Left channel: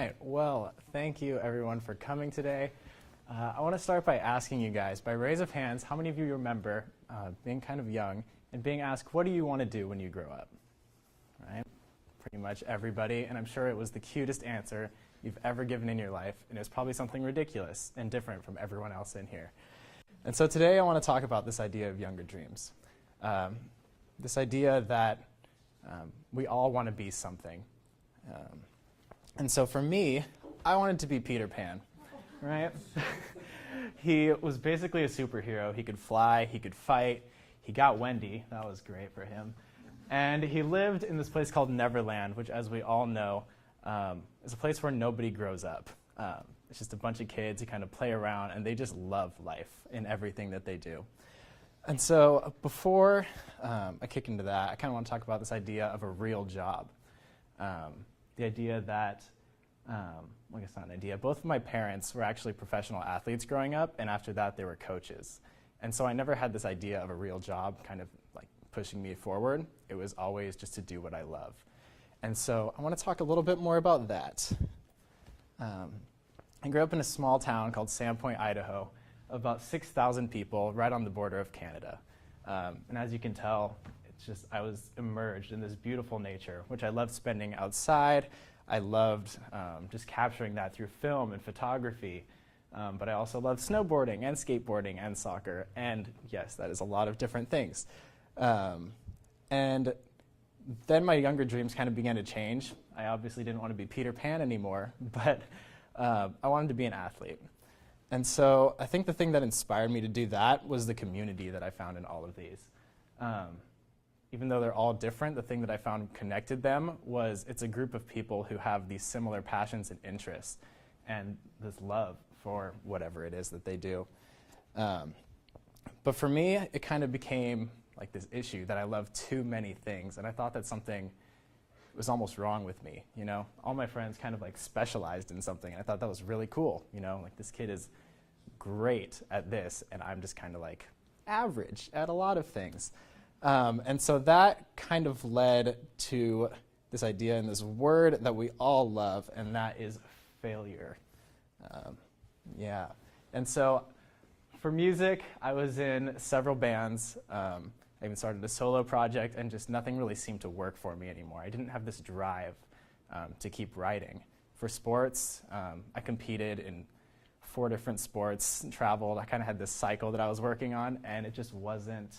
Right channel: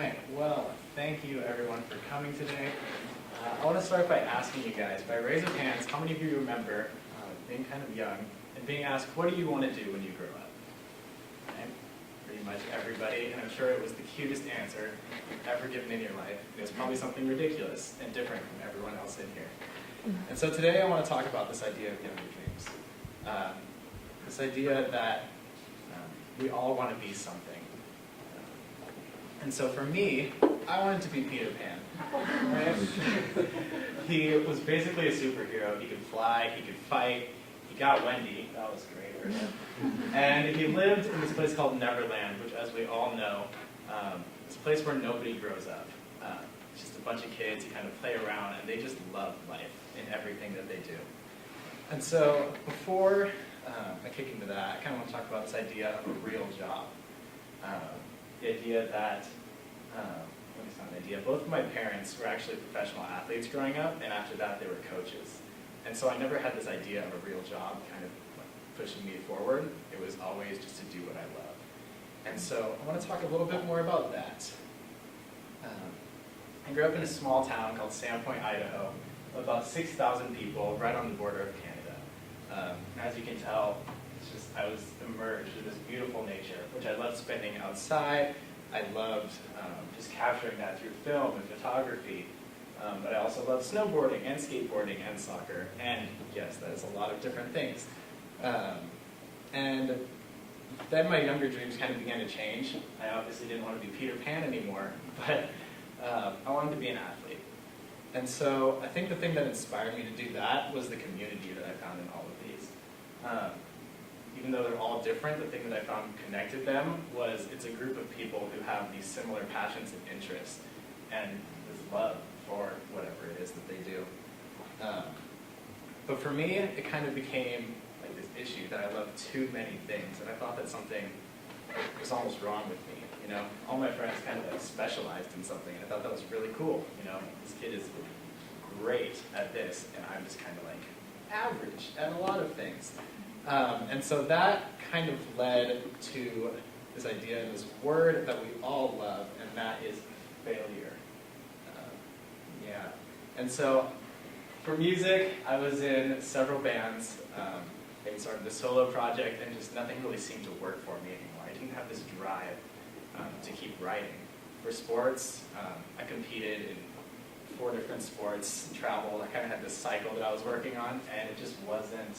right, well, thank you everyone for coming today. I want to start by asking you guys, by raise of hands, how many of you remember being kind of young and being asked, what do you want to do when you grow up? Right? Pretty much everybody, and I'm sure it was the cutest answer you've ever given in your life, and it's probably something ridiculous and different from everyone else in here. And so today I want to talk about this idea of younger dreams. This idea that we all want to be something. And so for me, I wanted to be Peter Pan. Right? He was basically a superhero. He could fly, he could fight, he got Wendy, that was great for him. And he lived in this place called Neverland, which as we all know, is a place where nobody grows up. It's just a bunch of kids who kind of play around and they just love life in everything that they do. And so before I kick into that, I kind of want to talk about this idea of a real job. The idea that, well, it's not an idea, both of my parents were actually professional athletes growing up, and after that they were coaches. And so I never had this idea of a real job kind of like pushing me forward. It was always just to do what I love. And so I want to talk a little bit more about that. I grew up in a small town called Sandpoint, Idaho, of about 6,000 people, right on the border of Canada. And as you can tell, I was immersed in this beautiful nature, which I loved spending outside. I loved just capturing that through film and photography. But I also loved snowboarding and skateboarding and soccer. And yes, that is a lot of different things. And then my younger dreams kind of began to change. I obviously didn't want to be Peter Pan anymore, but I wanted to be an athlete. And so I think the thing that inspired me to do that was the community that I found in all of these. Even though they're all different, the thing that I found connected them was it's a group of people who have these similar passions and interests and this love for whatever it is that they do. But for me, it kind of became like this issue that I loved too many things, and I thought that something was almost wrong with me. You know, all my friends kind of like specialized in something. I thought that was really cool. You know, this kid is great at this, and I'm just kind of like average at a lot of things. And so that kind of led to this idea and this word that we all love, and that is failure. Yeah. And so for music, I was in several bands and started a solo project, and just nothing really seemed to work for me anymore. I didn't have this drive to keep writing. For sports, I competed in 4 different sports, travel. I kind of had this cycle that I was working on, and it just wasn't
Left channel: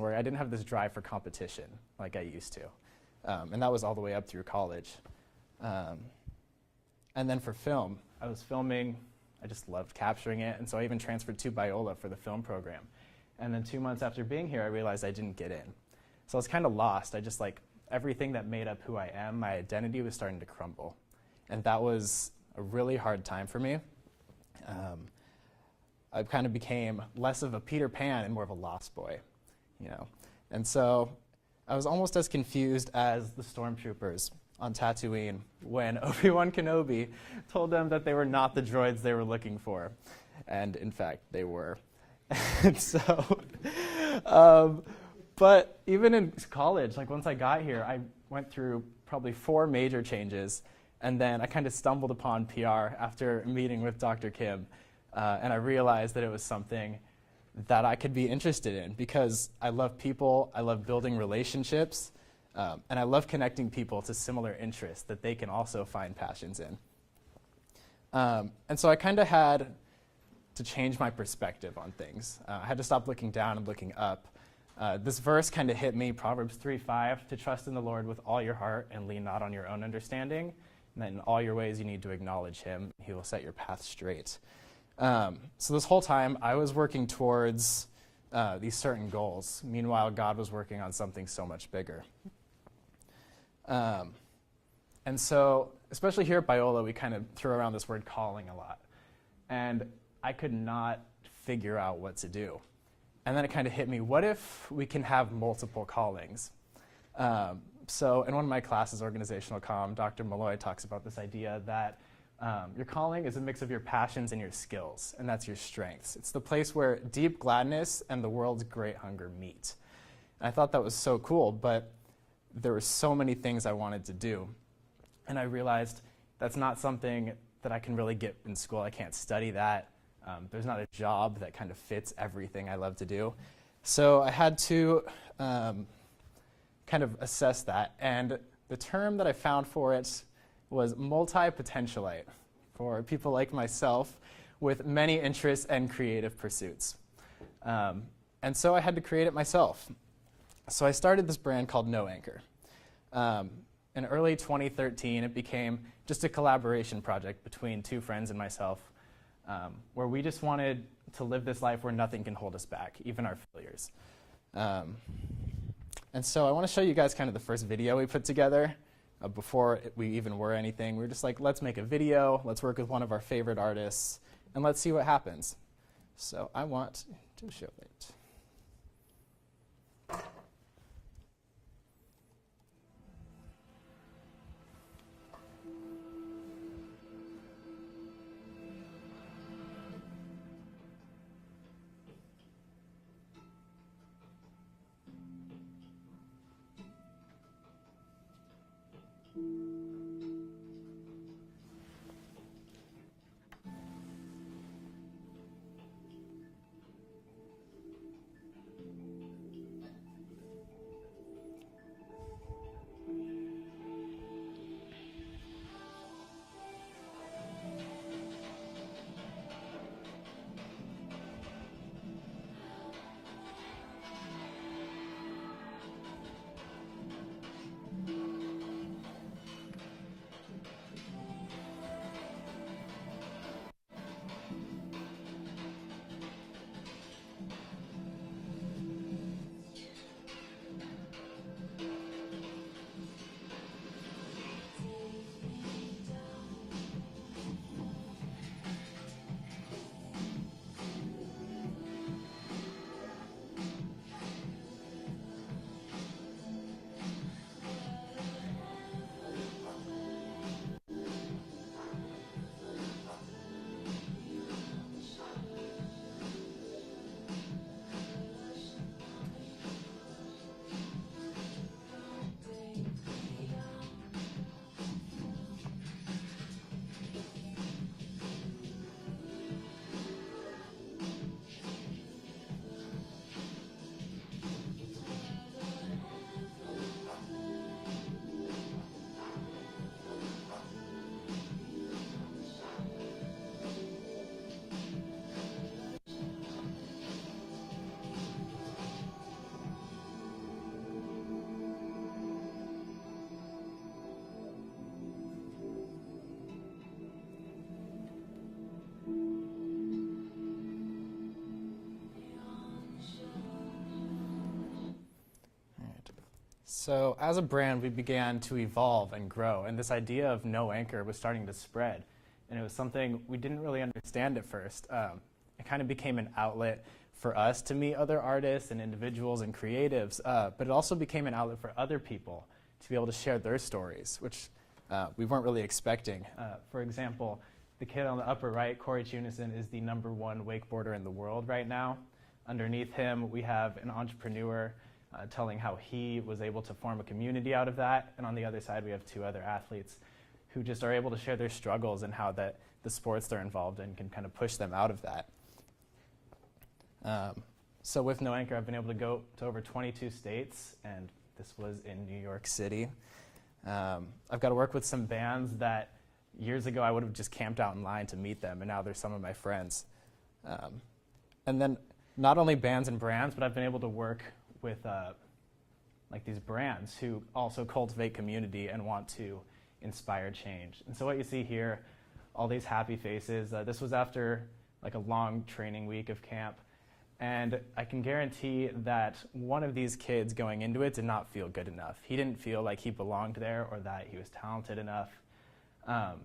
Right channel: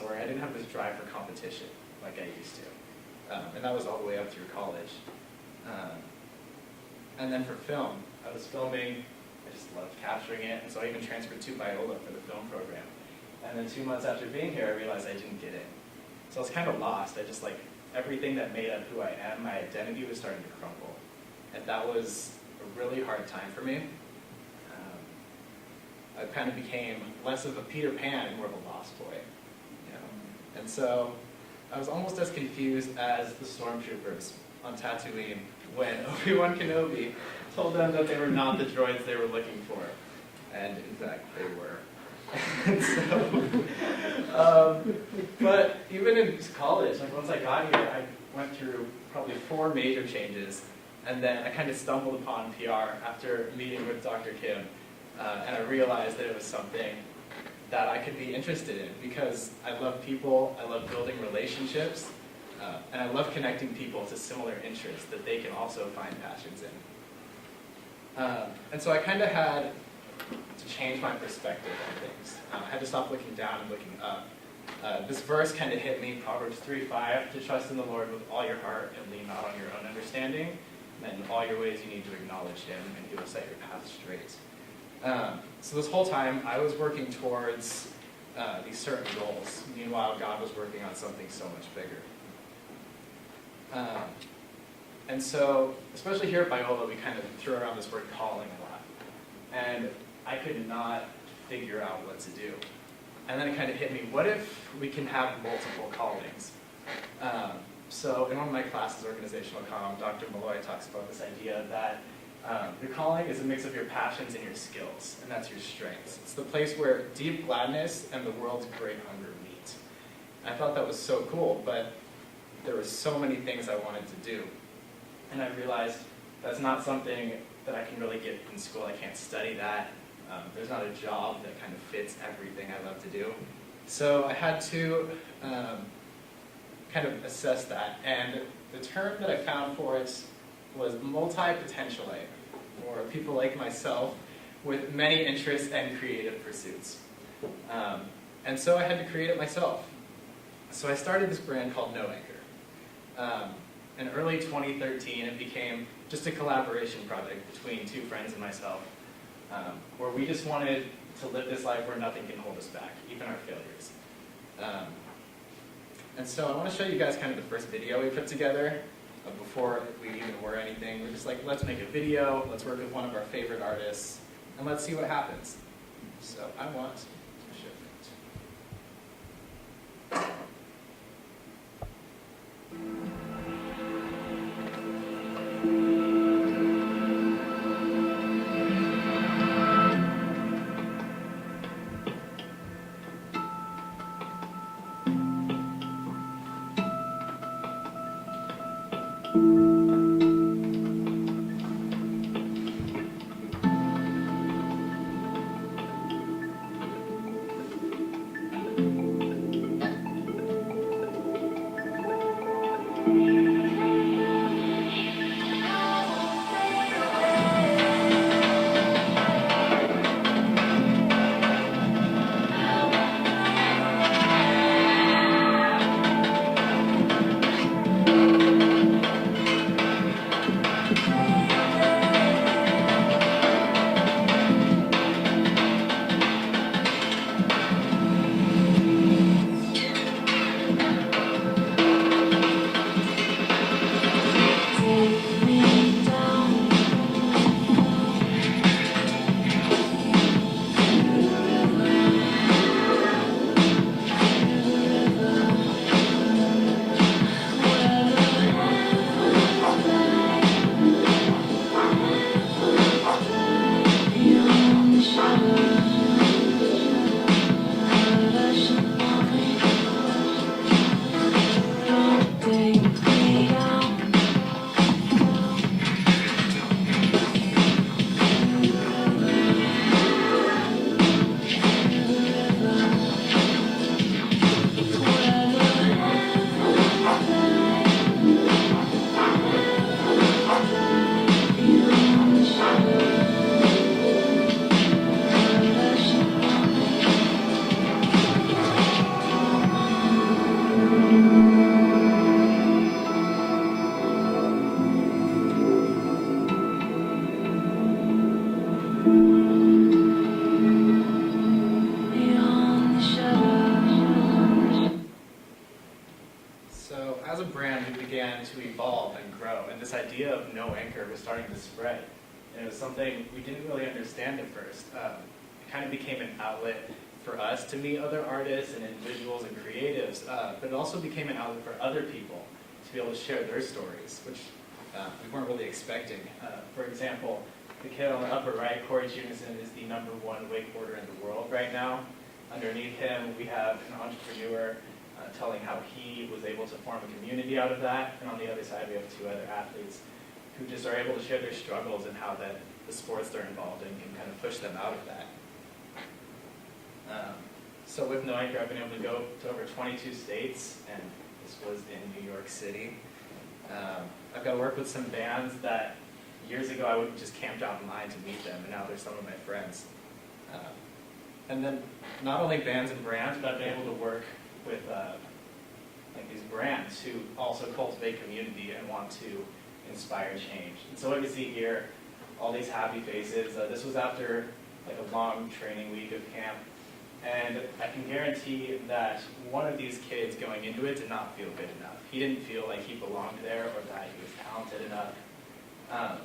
where I didn't have this drive for competition like I used to. And that was all the way up through college. And then for film, I was filming, I just loved capturing it, and so I even transferred to Biola for the film program. And then 2 months after being here, I realized I didn't get in. So I was kind of lost. I just like, everything that made up who I am, my identity was starting to crumble. And that was a really hard time for me. I kind of became less of a Peter Pan and more of a lost boy. You know? And so I was almost as confused as the stormtroopers on Tatooine when Obi-Wan Kenobi told them that they were not the droids they were looking for. And in fact, they were. And so, but even in college, like once I got here, I went through probably 4 major changes, and then I kind of stumbled upon PR after meeting with Dr. Kim, and I realized that it was something that I could be interested in because I love people, I love building relationships, and I love connecting people to similar interests that they can also find passions in. And so I kind of had to change my perspective on things. I had to stop looking down and looking up. This verse kind of hit me, Proverbs 3:5, to trust in the Lord with all your heart and lean not on your own understanding. And that in all your ways you need to acknowledge him, and he will set your path straight. So this whole time, I was working towards these certain goals. Meanwhile, God was working on something so much bigger. And so, especially here at Biola, we kind of throw around this word calling a lot. And I could not figure out what to do. And then it kind of hit me, what if we can have multiple callings? So in one of my classes, Organizational Comm, Dr. Malloy talks about this idea that your calling is a mix of your passions and your skills, and that's your strengths. It's the place where deep gladness and the world's great hunger meet. And I thought that was so cool, but there were so many things I wanted to do. And I realized That's not something that I can really get in school. I can't study that. There's not a job that kind of fits everything I love to do. So I had to kind of assess that, and the term that I found for it was multi-potentialite, for people like myself with many interests and creative pursuits. And so I had to create it myself. So I started this brand called No Anchor. In early 2013, it became just a collaboration project between two friends and myself, where we just wanted to live this life where nothing can hold us back, even our failures. And so I want to show you guys kind of the first video we put together before we even were anything. We're just like, let's make a video, let's work with one of our favorite artists, and let's see what happens. So I want to show it. So as a brand, we began to evolve and grow, and this idea of no anchor was starting to spread. And it was something we didn't really understand at first. It kind of became an outlet for us to meet other artists and individuals and creatives, but it also became an outlet for other people to be able to share their stories, which we weren't really expecting. For example, the kid on the upper right, Corey Jamison, is the #1 wakeboarder in the world right now. Underneath him, we have an entrepreneur telling how he was able to form a community out of that. And on the other side, we have two other athletes who just are able to share their struggles and how that the sports they're involved in can kind of push them out of that. So with No Anchor, I've been able to go to over 22 states, and this was in New York City. I've got to work with some bands that years ago I would have just camped out in line to meet them, and now they're some of my friends. And then not only bands and brands, but I've been able to work with like these brands who also cultivate community and want to inspire change. And so what you see here, all these happy faces, this was after like a long training week of camp. And I can guarantee that one of these kids going into it did not feel good enough. He didn't feel like he belonged there or that he was talented enough.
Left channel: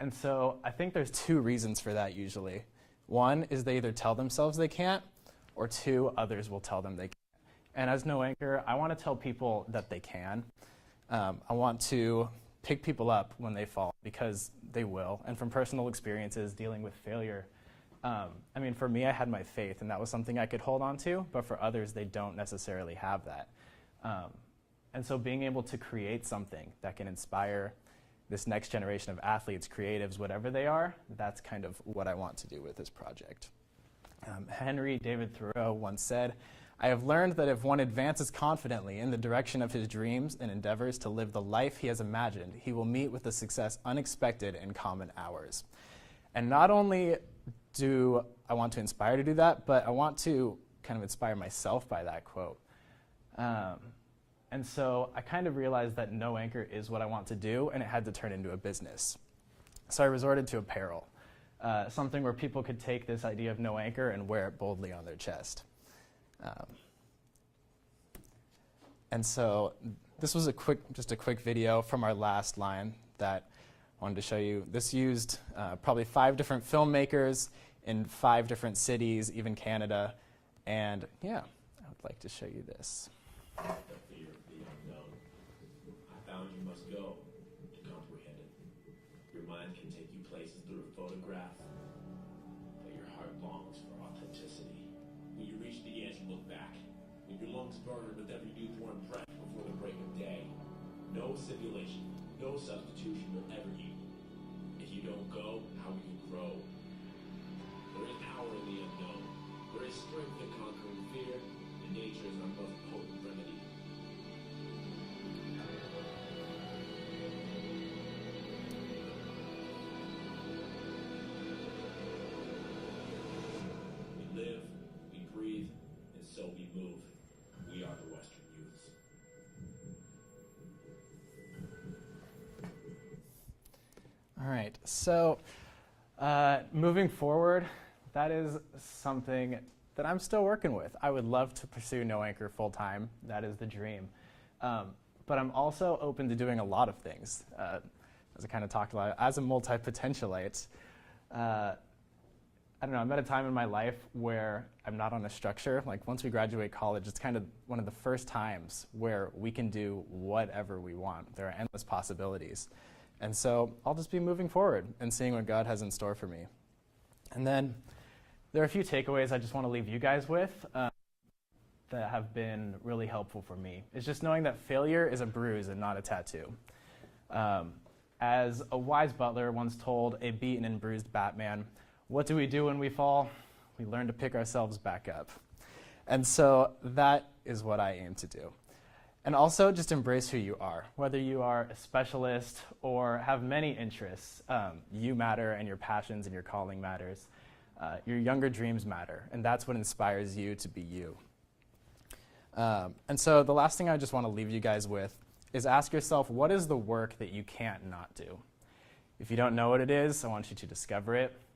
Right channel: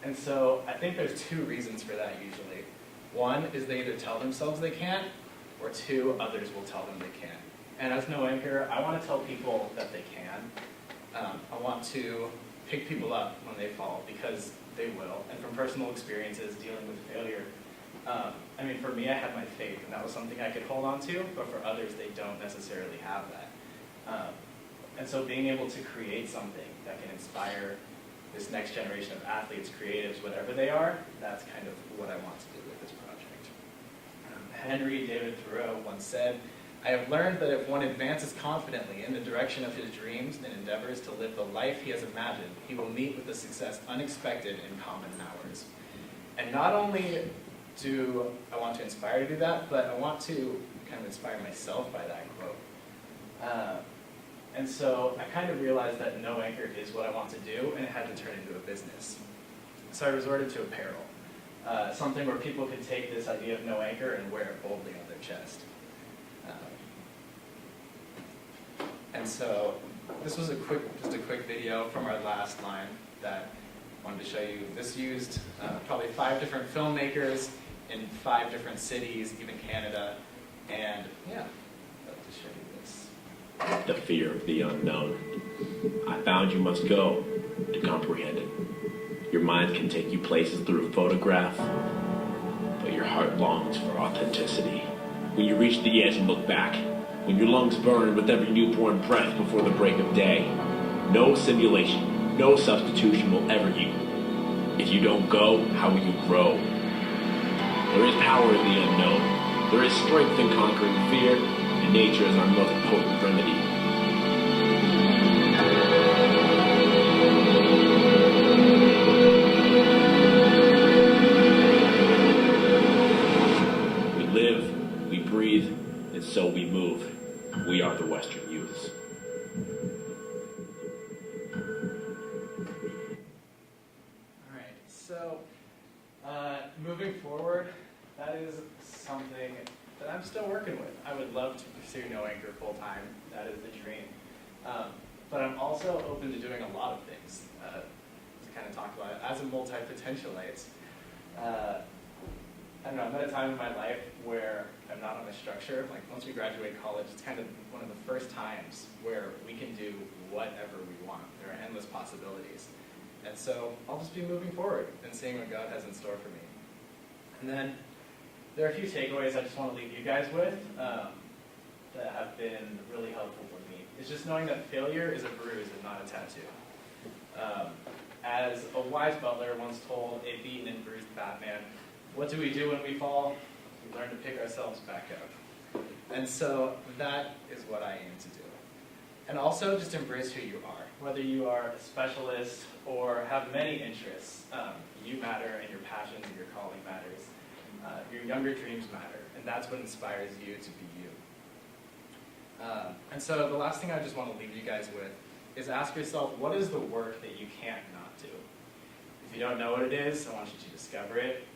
And so I think there's two reasons for that usually. One is they either tell themselves they can't, or two, others will tell them they can't. And as No Anchor, I want to tell people that they can. I want to pick people up when they fall, because they will. And from personal experiences dealing with failure, I mean, for me, I had my faith, and that was something I could hold on to, but for others, they don't necessarily have that. And so being able to create something that can inspire this next generation of athletes, creatives, whatever they are, that's kind of what I want to do with this project. Henry David Thoreau once said, "I have learned that if one advances confidently in the direction of his dreams and endeavors to live the life he has imagined, he will meet with a success unexpected in common hours." And not only do I want to inspire to do that, but I want to kind of inspire myself by that quote. And so I kind of realized that no anchor is what I want to do, and it had to turn into a business. So I resorted to apparel, something where people could take this idea of no anchor and wear it boldly on their chest. And so this was just a quick video from our last line that I wanted to show you. This used probably 5 different filmmakers in 5 different cities, even Canada. And yeah, I'd like to show you this. The fear of the unknown. I found you must go to comprehend it. Your mind can take you places through a photograph, but your heart longs for authenticity. When you reach the edge and look back, when your lungs burn with every newborn breath before the break of day, no simulation, no substitution will ever equal. If you don't go, how will you grow? There is power in the unknown. There is strength in conquering fear, and nature is our most potent remedy. We live, we breathe, and so we move. We are the Western youths. All right, so moving forward, that is something that I'm still working with. I would love to pursue no anchor full time. That is the dream. But I'm also open to doing a lot of things. As I kind of talked about, as a multi-potentialite, I don't know, I'm at a time in my life where I'm not on a structure. Like once we graduate college, it's kind of one of the first times where we can do whatever we want. There are endless possibilities. And so I'll just be moving forward and seeing what God has in store for me. And then there are a few takeaways I just want to leave you guys with that have been really helpful for me. It's just knowing that failure is a bruise and not a tattoo. As a wise butler once told a beaten and bruised Batman, what do we do when we fall? We learn to pick ourselves back up. And so that is what I aim to do. And also just embrace who you are. Whether you are a specialist or have many interests, you matter and your passions and your calling matters. Your younger dreams matter, and that's what inspires you to be you. And so the last thing I just want to leave you guys with is ask yourself, what is the work that you can't not do? If you don't know what it is, I want you to discover it.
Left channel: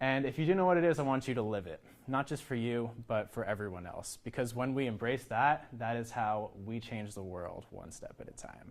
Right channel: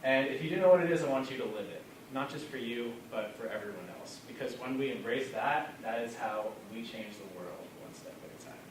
And if you do know what it is, I want you to live it. Not just for you, but for everyone else. Because when we embrace that, that is how we change the world one step at a time.